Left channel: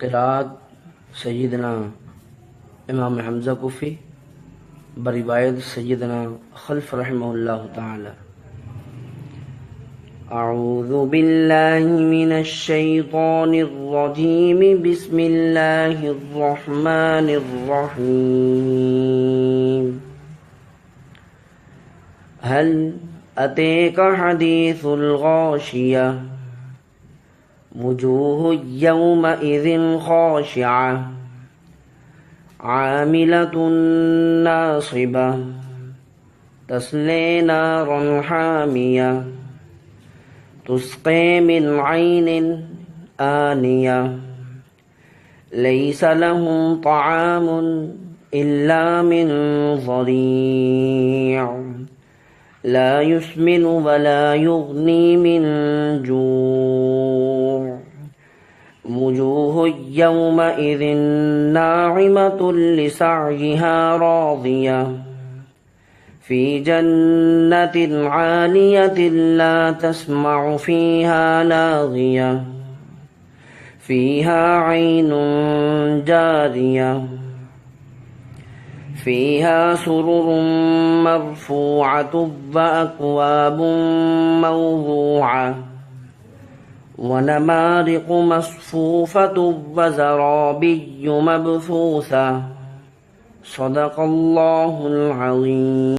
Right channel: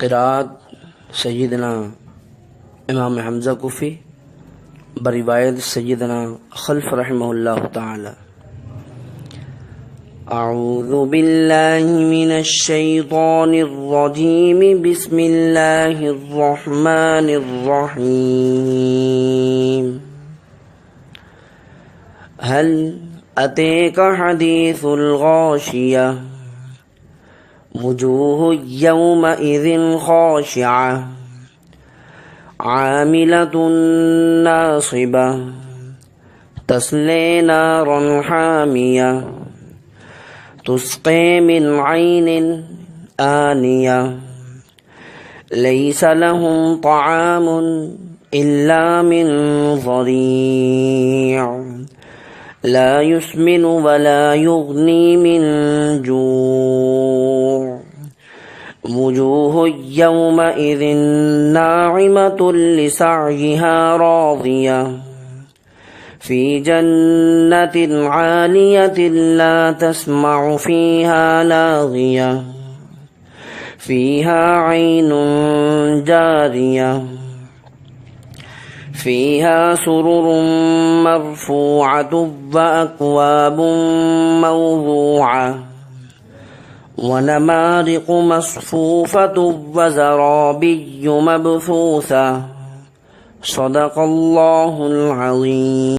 क़िराअत सय्यदना इमाम हमज़ा कुफ़ी बरिवायत सय्यदना खल्फ़ रहमहुल्लाह ताला। अऊज़ु बिल्लाहि मिनश शैतानिर रजीम बिस्मिल्लाहिर रहमानिर रहीम। हल अतेका हदीसुल गाशिया वुजूहु यौमइज़िन खाशिआ आमिलतुन नासिबा तस्ले नारन हामिया तुस्क़ी मिन ऐनिन आनिया लैसा लहुम तआमुन इल्ला मिन ज़री' ला युस्मिनु वला युग़नी मिन जू' वुजूहु यौमइज़िन नाइमतुन लिसअयिहा राज़िया फ़ी जन्नतिन आलियतिन ला तस्मअु फ़ीहा लाग़िया फ़ीहा ऐनुन जारिया फ़ीहा सुरुरुम मरफ़ूअतुन व अक्वाबुन मौज़ूअह व नमारिक़ु मस्फ़ूफ़तुन व ज़राबिय्यु मबसूसा। सदक़ल्लाहुल अज़ीम।